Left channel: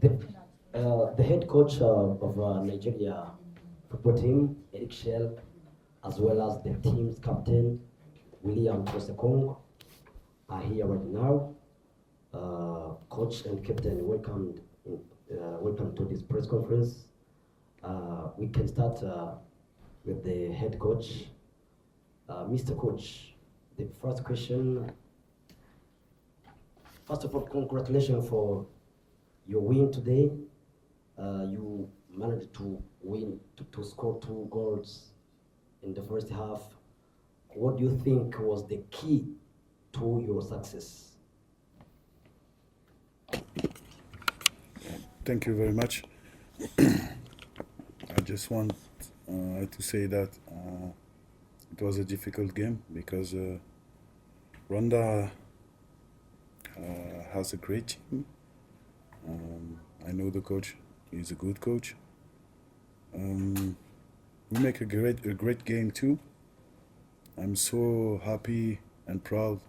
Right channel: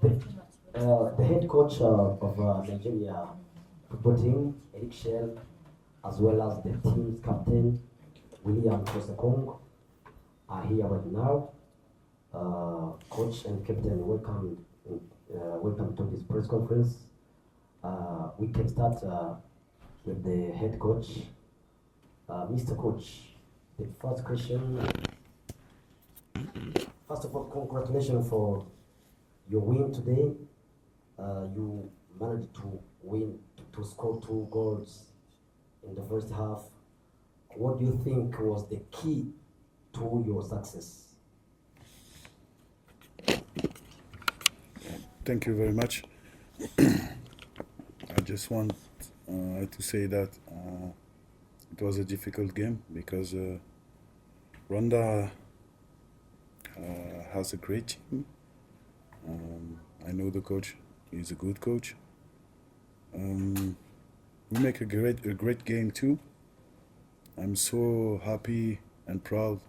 The, the head coach of Nigeria football team, Chelle, as well as the team's captain, Troost-Ekong, are here right now. Coach and captain, welcome to this press conference. We can start with the head coach. Mr. Coach, the first question, first of all, congratulations for your win today. You managed to win, to score 2 goals in the first half. What do you think was the key to your success? Thank you very much. I just want to say that it was a difficult game because Rwanda has a great team. I know the coach; he's a good coach. We make a great game too. I'm so happy and proud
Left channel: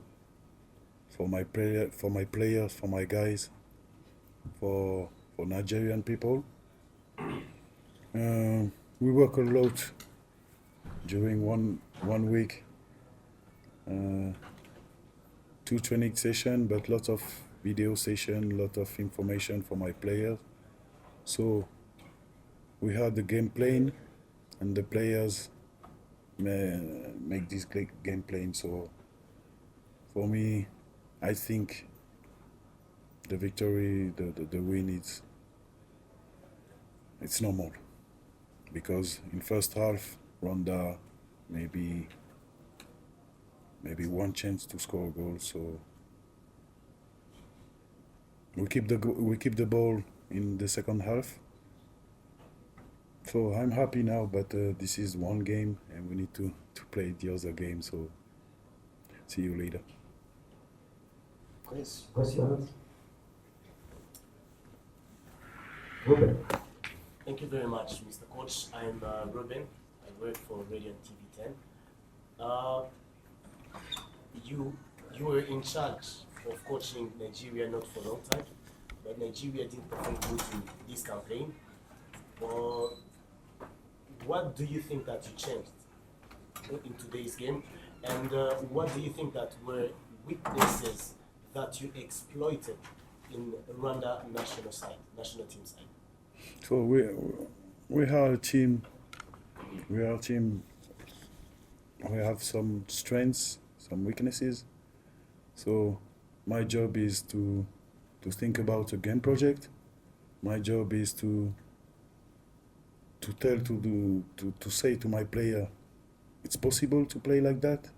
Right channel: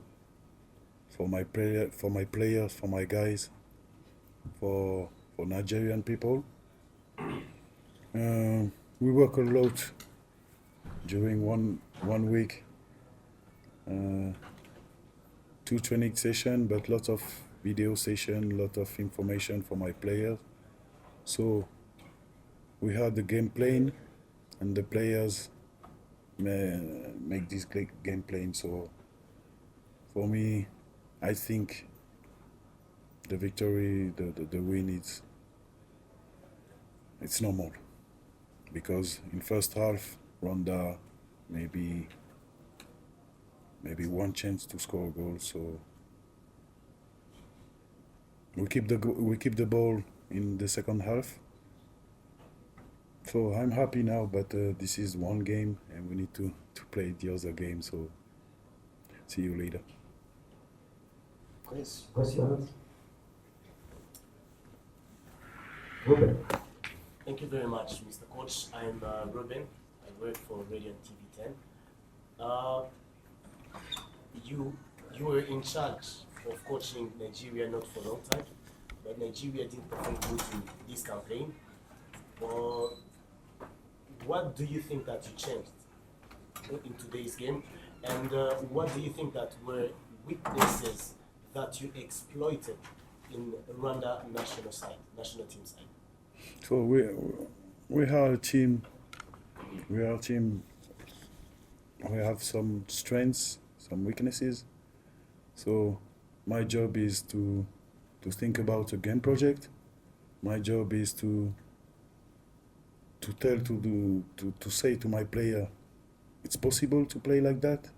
for my players, for my guys, for Nigerian people. We work a lot during one week, 2 training sessions, but lots of video session, lot of information for my players. So we had the game plan, and the players make this great game plan. So for me, I think the victory, the win, it's normal, because in first half Rwanda maybe one chance to score a goal. So we keep the ball in the second half. So I'm happy now, but this is one game and we need to play the other game. So see you later. Questions? Ruben. Thank you very much, Mr. Coach. I'm Ruben. I work for Radio and TV 10. You were in charge of coaching Nigeria not for a long time, but Nigeria didn't perform good in this campaign. What do you think that you changed in today's game, and what do you think that were weaknesses that you exploited in Rwanda national team side? So we are a team. We are a team. We have some strengths, some weaknesses. So my job is to think about a game project. My job is to say to my player, it's possible to play like that.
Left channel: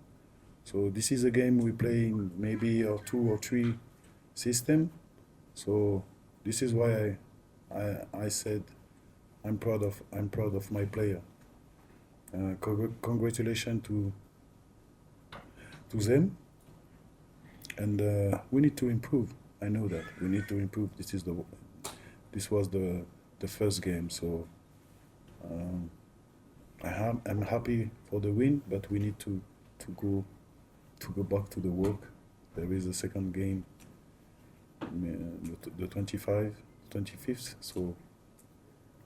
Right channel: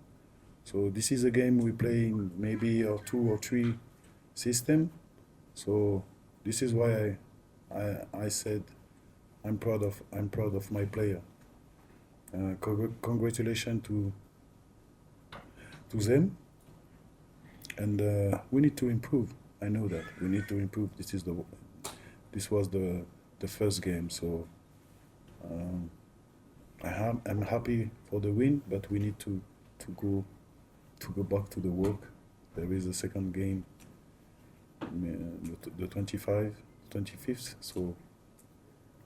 So this is a game we play in maybe a 2 or 3 system. So this is why I said I'm proud of my player. Congratulations to them, and we need to improve. I know that we need to improve. This was the first game, so I'm happy for the win, but we need to go back to the work. There is a second game, the 25th, so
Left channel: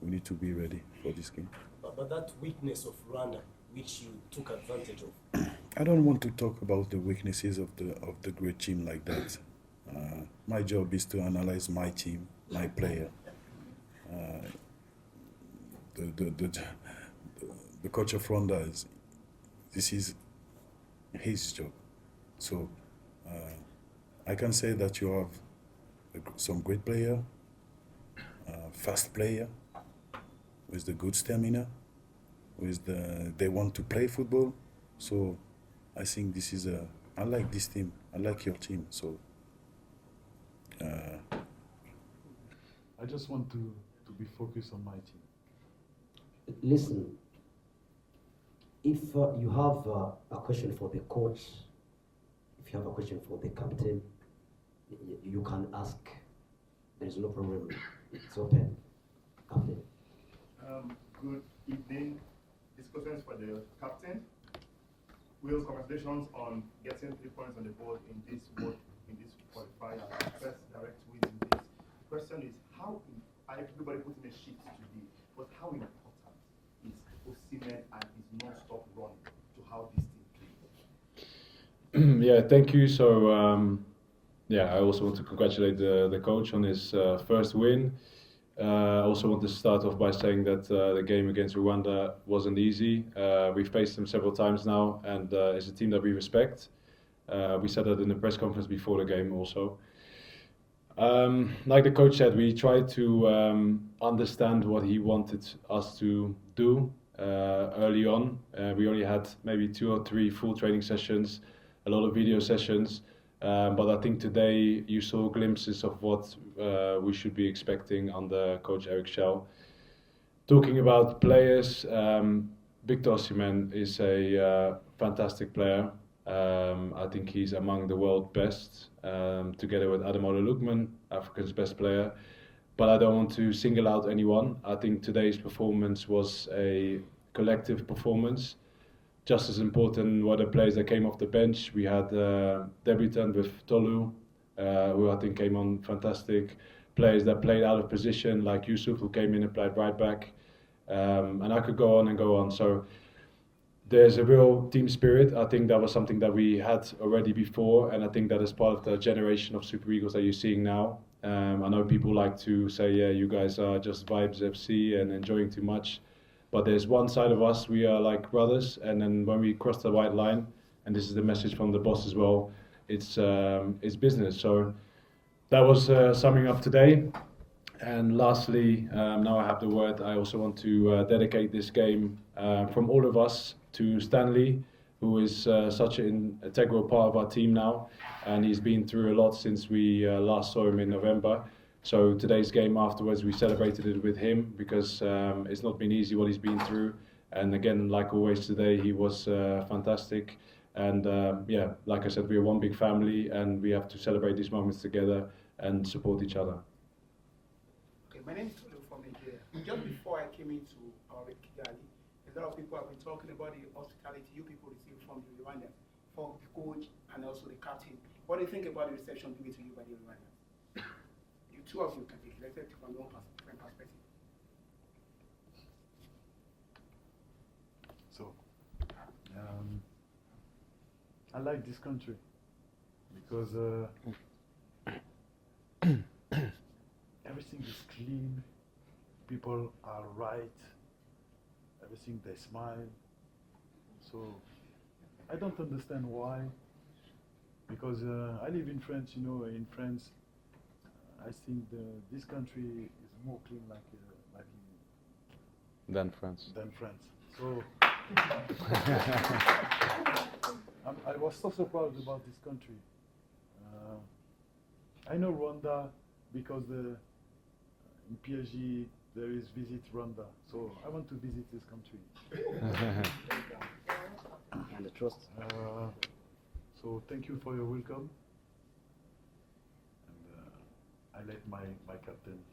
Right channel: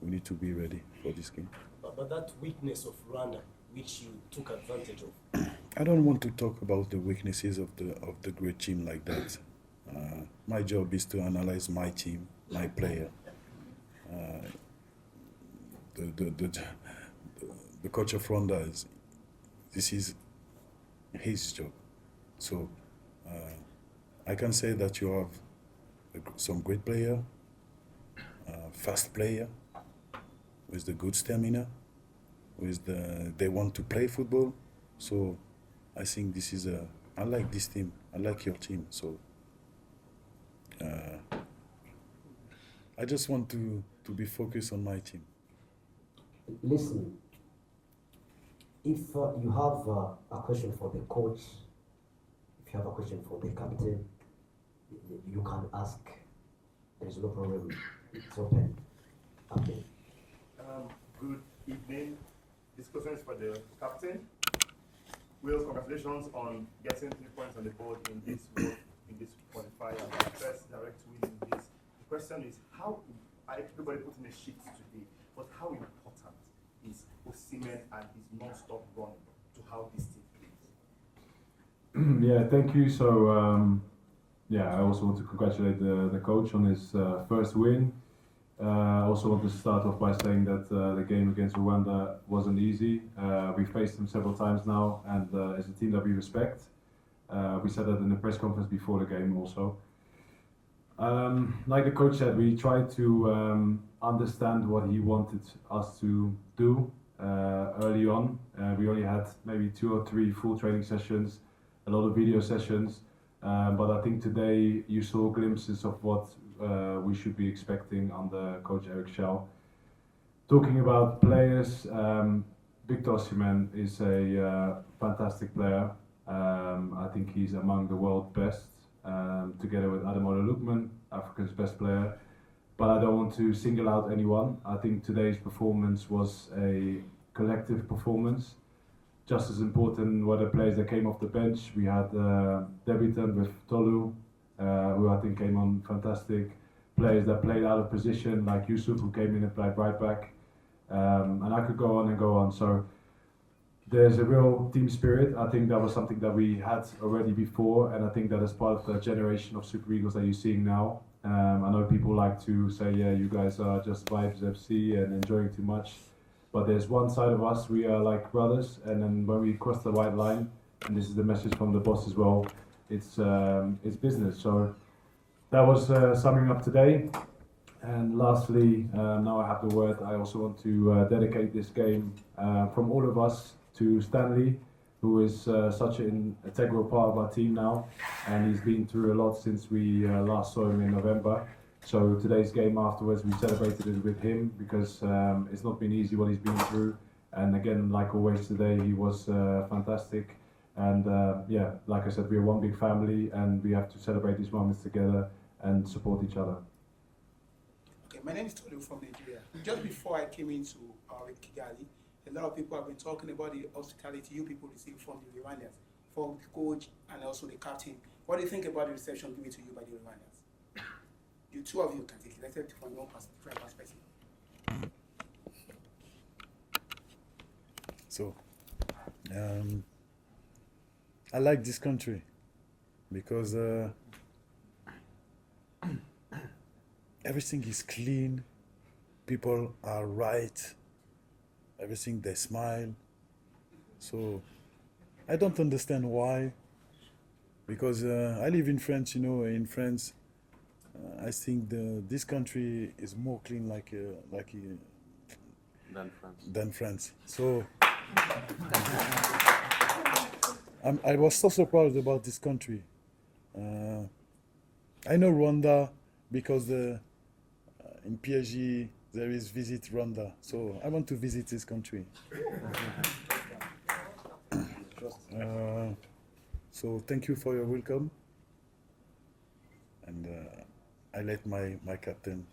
we need to be ready for this game. But that weakness of Rwanda, which you took advantage of. I don't want to talk about the weaknesses of the great team like that. My job is to analyze my team, my player. The coach of Rwanda this is his job. So I can say that you have some great player, fast player, with the good stamina, they want to play football. So I think I like this team. I like your team. So I just want to be focused on my team. Listen, if you have a question for the coach, if you have a question for the captain, you can ask. There is no problem. It's open. Captain. Good evening. This question is for the captain. Will, congratulations on getting 3 points on the board in this qualifier, first direct win in this. question is how everybody put in a sheet today, but how important is Osimhen and his non-stop running to how this team plays? Yeah, thank you. So, yeah, I also want to congratulate the coach on his first win. I also want to start off by saying that the game against Rwanda wasn't easy. We've faced them several times now, and it's a team that we respect. We said that in the press conference before the game also. Like the coach said, we tried to understand what he wanted us to do early on. We only had maybe 2 or 3 full training sessions, a lot of video sessions, but I think today you saw glimpses of what we should be expecting under Coach Chelle. Talking about players, Victor Osimhen is a fantastic player. I think he's among the world best, together with Ademola Lookman, Africa's best player. But I don't want to single out anyone. I think today's performance was a collective performance. Just as important were the players that came off the bench. We had debutant with Tolu, who I think came on fantastic. Players that played out of position, like Yusuf, who came in and played right back. And I could go on and go on. So there's a real team spirit. I think that was something that we had already before, and I think that is part of the generation of Super Eagles that you're seeing now. I know people like to say, yeah, you guys are just Vibes FC and enjoying too much. But there's one side of us, we are like brothers, and then when we cross the white line, and this is the message from the boss as well, it's business. So that was summing up today. And lastly, now I have the word, I also want to dedicate this game from all of us to Stanley, who is such an integral part of our team now, and he's been through a lot since we last saw him in November. So today's game afterwards, we celebrated it with him because it's not been easy what he's been through. And again, like always today, he was fantastic. And yeah, like I said, we're one big family, and we have to celebrate these moments together and support each other. Okay, my name is Tolu from Nigeria. Just before I came into Kigali, a lot of people have been talking about the hospitality you people receive from the Rwandans, from the coach and also the captain. What do you think about the reception given to you by the Rwandans? You two of you can take it. Let's take it from your own perspective. So, I like this country because everything is clean, people are right, everything they smile. So I don't understand why, because I live in France, you know, in France I think this country is more clean than France. So I was so surprised about this country. I know Rwanda because in PSG there is Visit Rwanda, so I want to visit this country. So thank you for your welcome, and I let my captain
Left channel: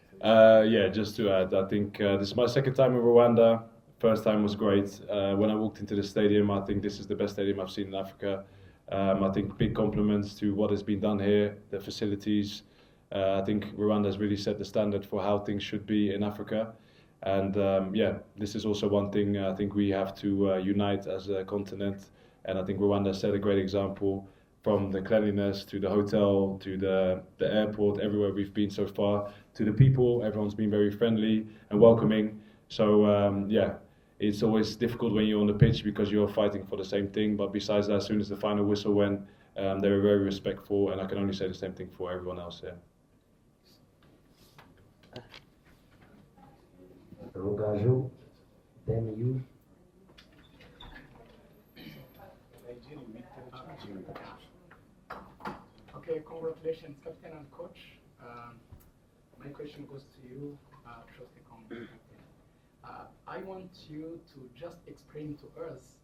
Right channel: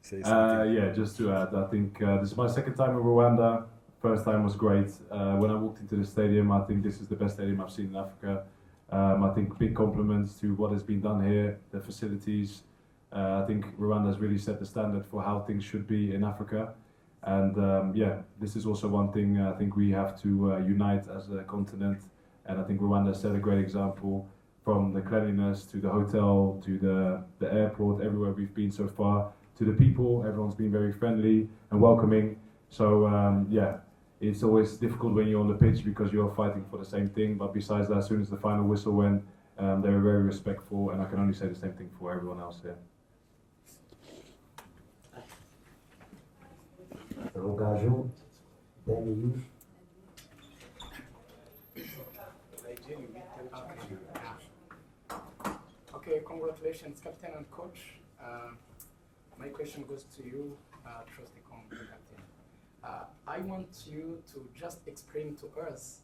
say something. Yeah, just to add, I think this is my second time in Rwanda. First time was great. When I walked into the stadium, I think this is the best stadium I've seen in Africa. I think big compliments to what has been done here, the facilities. I think Rwanda has really set the standard for how things should be in Africa. And yeah, this is also one thing I think we have to unite as a continent. And I think Rwanda set a great example, from the cleanliness to the hotel to the airport, everywhere we've been so far, to the people. Everyone's been very friendly and welcoming. So yeah, it's always difficult when you're on the pitch because you're fighting for the same thing. But besides that, as soon as the final whistle went, they were very respectful, and I can only say the same thing for everyone else here. Rogaju, then you. Okay, congratulations, captain and coach. My question goes to you, Troost-Ekong. I want you to just explain to us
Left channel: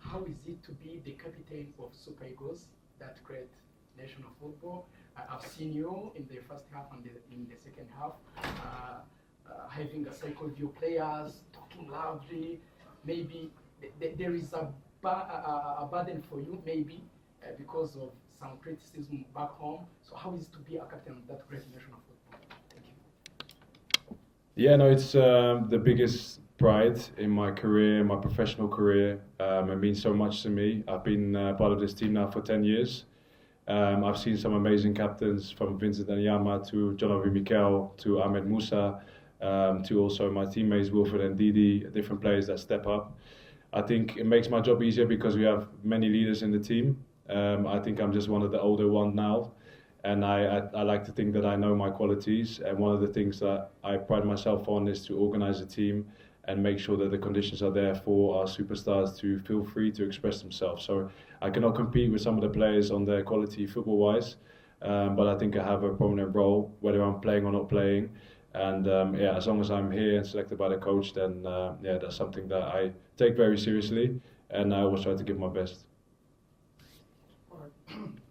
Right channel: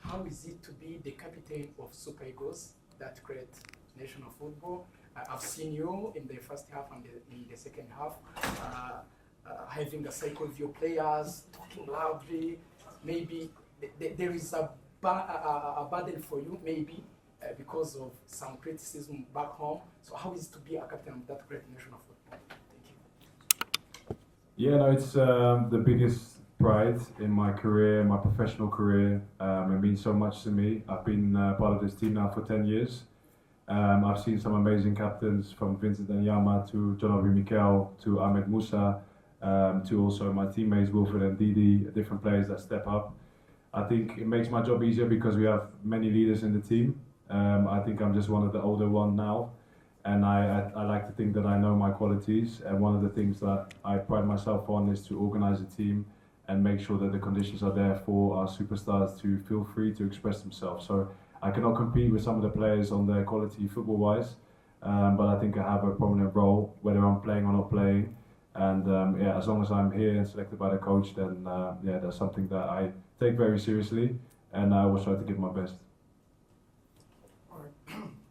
how is it to be the captain of Super Eagles that create national football. I've seen you in the first half and in the second half, having a cycle of your players, talking loudly. Maybe there is a burden for you, maybe, because of some criticism back home. So how is it to be a captain of that great nation of football? Thank you. Yeah, no, it's the biggest pride in my career, my professional career. It means so much to me. I've been part of this team now for 10 years. I've seen some amazing captains, from Vincent Anyama to John Obi Mikel to Ahmed Musa, to also my teammates Wilfred and Didi, different players that step up. I think it makes my job easier because we have many leaders in the team. I think I'm just one of the older ones now, and I like to think that I know my qualities. And one of the things that I pride myself on is to organize a team and make sure that the conditions are there for our superstars to feel free to express themselves. So I cannot compete with some of the players on their quality football-wise, but I think I have a prominent role, whether I'm playing or not playing. And yeah, as long as I'm here and selected by the coach, then yeah, that's something that I take very seriously, and I always try to give my best. All right.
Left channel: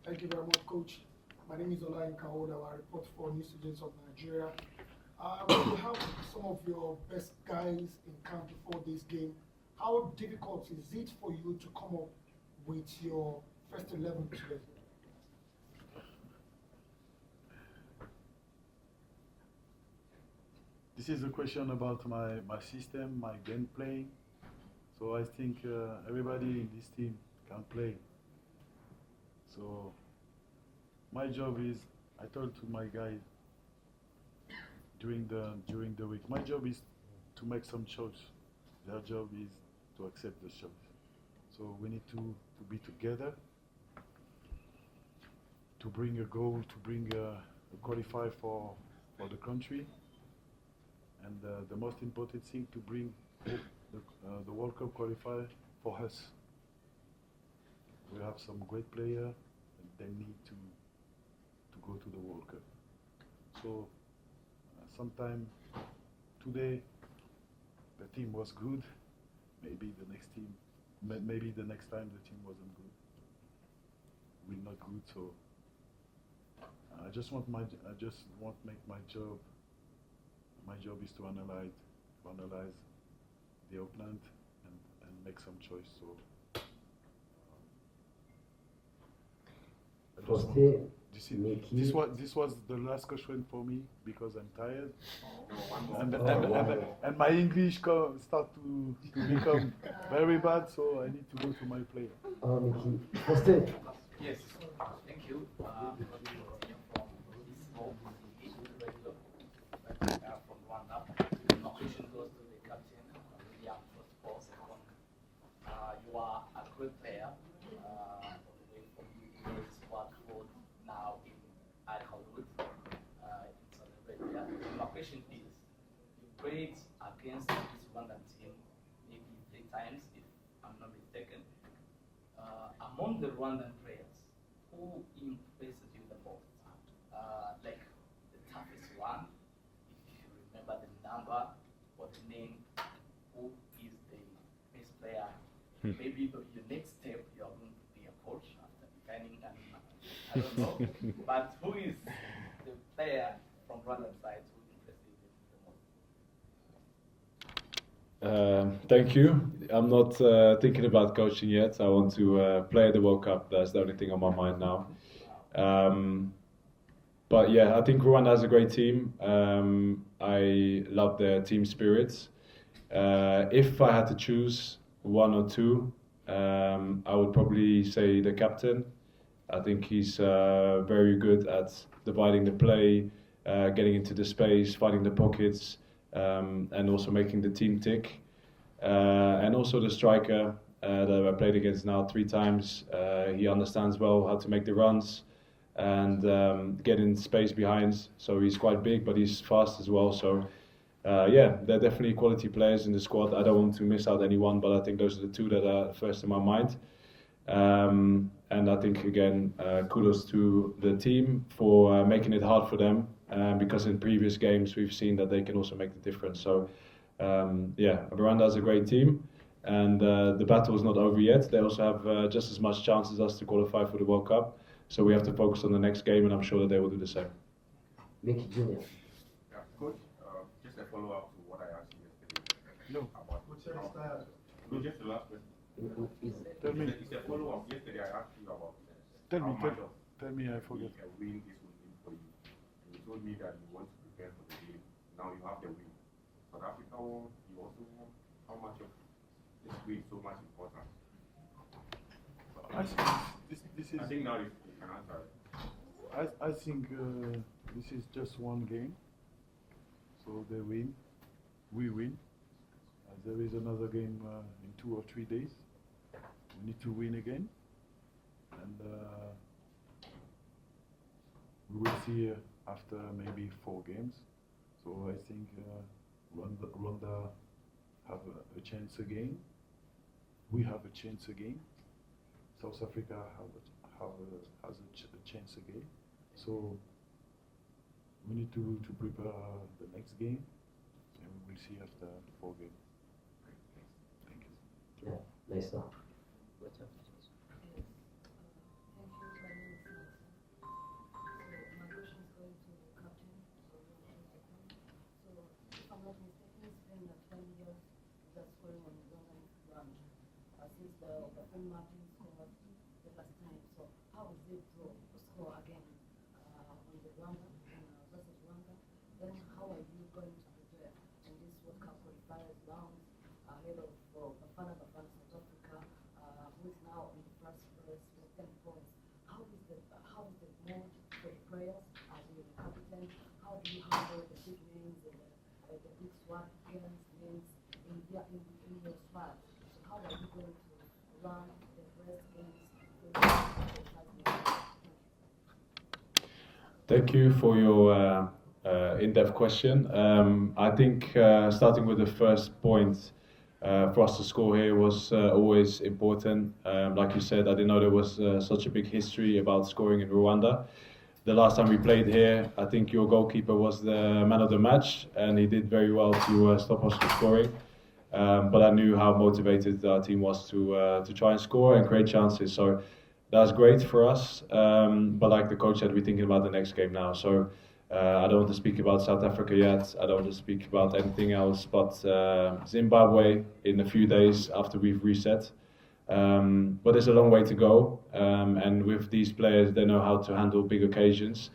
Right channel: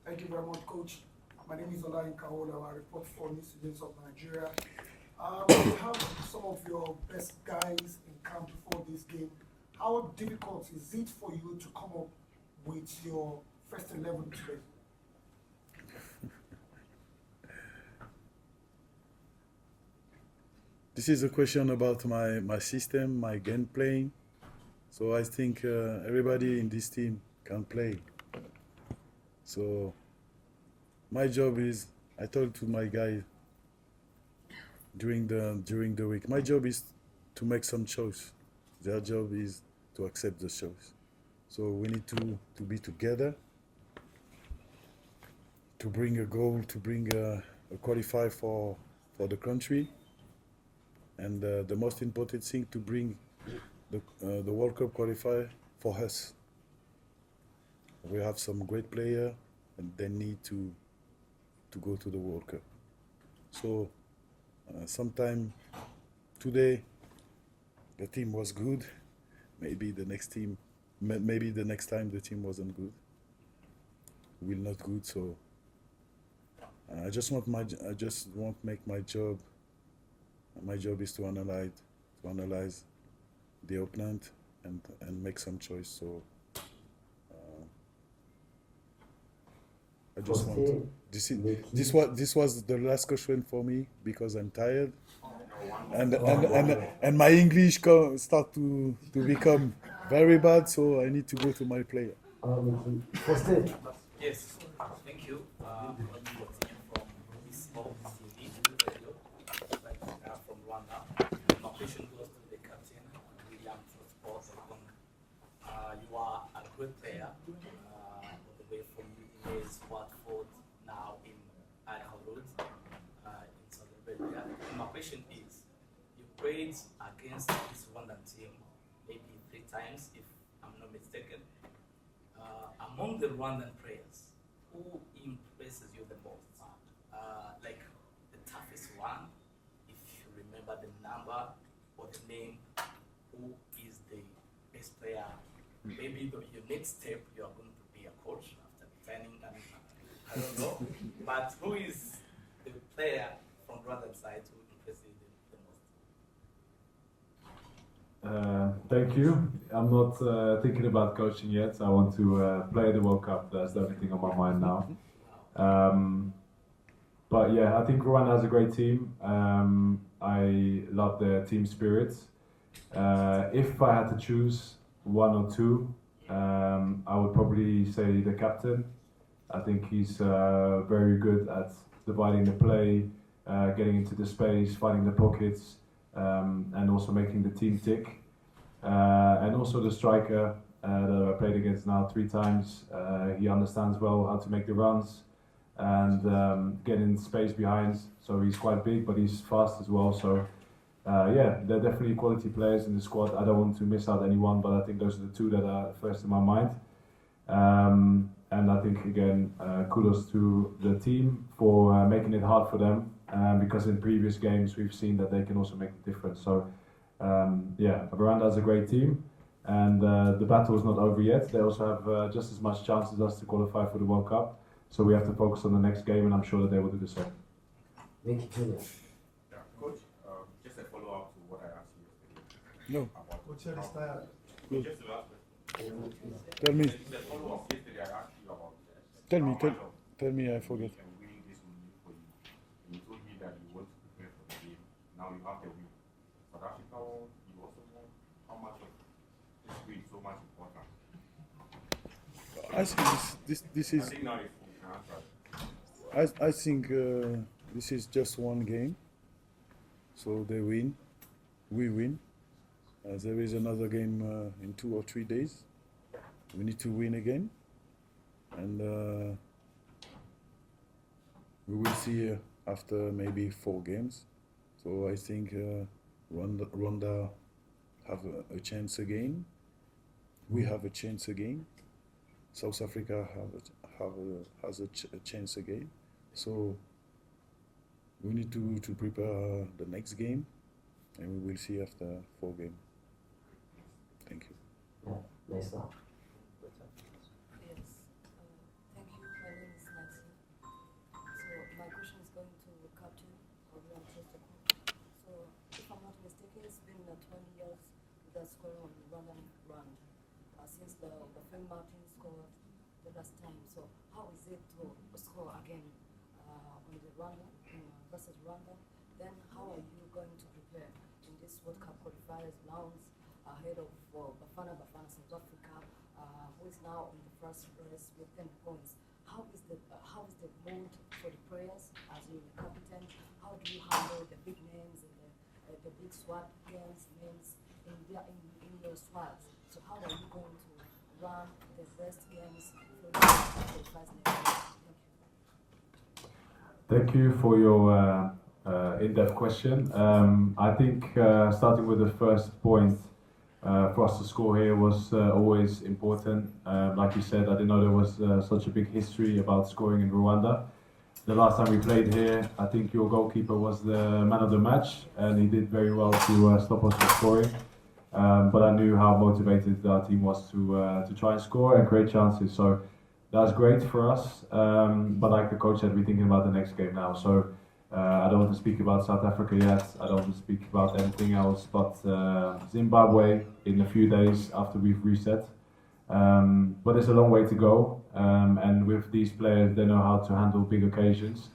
Thank you very much, Coach. My name is Ola Inkaola. I report for New Students of Nigeria. You have some of your best guys in camp before this game. How difficult is it for you to come up with your first 11 today? This is a question about my system, my game playing. So I think everybody in this team can play. So my job is, I told to my guys during the week, my job is to make some choice. Their job is to accept the choice. So we need to be together, to bring a goal, to bring a qualify for the country. And the most important thing, to bring the World Cup qualifier for us. We have some great players, and they need to go to the World Cup. So sometime today the team was good. Maybe the next time the team wasn't good. Will not good. So I just want make my job. My job is to analyze the opponent and make some choice. So I just want to, this was the last question for me because I'm tired, and my English start to become very bad. So I need to go to my player. Yes, thank you. From Rwanda. My question goes to the captain, William Troost-Ekong. You are a great player, all the way from US Watford, now in Al-Khartoum, in Saudi Arabia. My question is, you played against this Rwandan team maybe 3 times, if I'm not mistaken. Among the Rwandan players, who impresses you the most? Like the toughest one, if you remember the number or the name, who is the best player? Maybe your next step, you are going to be a coach after returning, I don't know. But who is the player from Rwandan side who impresses you the most? Thank you. I'm not thinking about coaching yet. I want to play the World Cup. That's the only thing on my mind now. But yeah, I think Rwanda has a great team. I love their team spirit. If I had to choose 1 or 2, I would probably say the captain. I think he's very good at dividing the play, getting into the space, finding the pockets, and also making the team tick. And also the striker that I played against now 3 times. He understands well how to make the runs and get in space behind. So he's quite big, but he's fast as well. So yeah, they're definitely quality players in the squad. I don't want to miss out anyone, but I think those are the 2 that are first in my mind. And I think again, kudos to the team for making it hard for them, because in previous games we've seen that they can also make the difference. So yeah, Rwanda has a great team, and the battle is not over yet. They also have just as much chance as us to qualify for the World Cup. So we have to focus on the next game, and I'm sure that they will do the same. Mickey Jr. Yeah, Coach, just a follow-up to what I asked you yesterday. No. About Coach, Chelle is tired. just the last question. Tell me. It's a follow-up. Yesterday I asked you about Tell me, how tell, much of tell me, I forget. a win this will mean for you? And you told me that you want to prepare for the game. Now you have the win. South Africa won, you also won. How much of this win is so much important? I think this I is. think now you can answer. I think this is just one game. So they win, we win. There is another game in 2 or 3 days. We need to win again, and we will see after maybe 4 games. So I think Rwanda have a chance again. We have a chance again. South Africa has a chance again. So we need to prepare the next game, and we will see after 4 games. Thank you. Yeah, nice now. Yes. Thank you. My name is Maxi. So my question is going to the captain of Troost-Ekong. So if I'm not mistaken, it's been 20 years without scoring on the Rwandan ground since the Bafem Martin scored the last time. So how is it to score again on the Rwanda versus Rwanda? Then how are you going to prepare in this World Cup qualifiers rounds ahead of Bafana South Africa, who is now in the first place with 10 points? How is the mood for the players as you the captain? How do you handle the big names and the big squad games names in your squads? So how are you going to run the best games for the qualifiers next year? Thank you for your in-depth question. I think starting with the first point, for us to score here was always important. Like you said, I didn't know there was such a big history about scoring in Rwanda. The last time we played here, I think your goalkeeper was the man of the match, and he did very well to stop us from scoring. But I knew how motivated our team was to try and score and create chances. So that's great for us. But like the coach said, we're thinking about the next game now. So I don't want to speak about South Africa yet. I don't want to speak about anything else but Zimbabwe in a few days after we've reset. But there's a long way to go. And with these players, they know how to handle big occasions.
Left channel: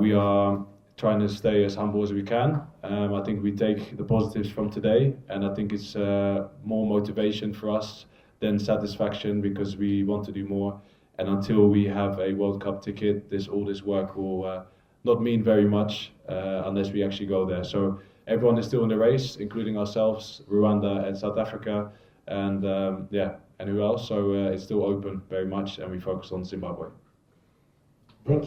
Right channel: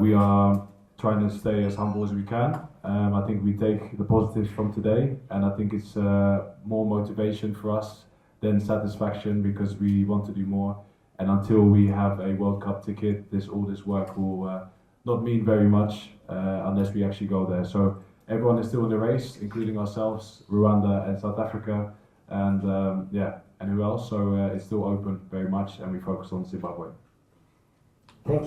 We are trying to stay as humble as we can. I think we take the positives from today, and I think it's more motivation for us than satisfaction, because we want to do more. And until we have a World Cup ticket, all this work will not mean very much unless we actually go there. So everyone is still in the race, including ourselves, Rwanda and South Africa, and and who else? So it's still open very much, and we focus on Zimbabwe. Thank you.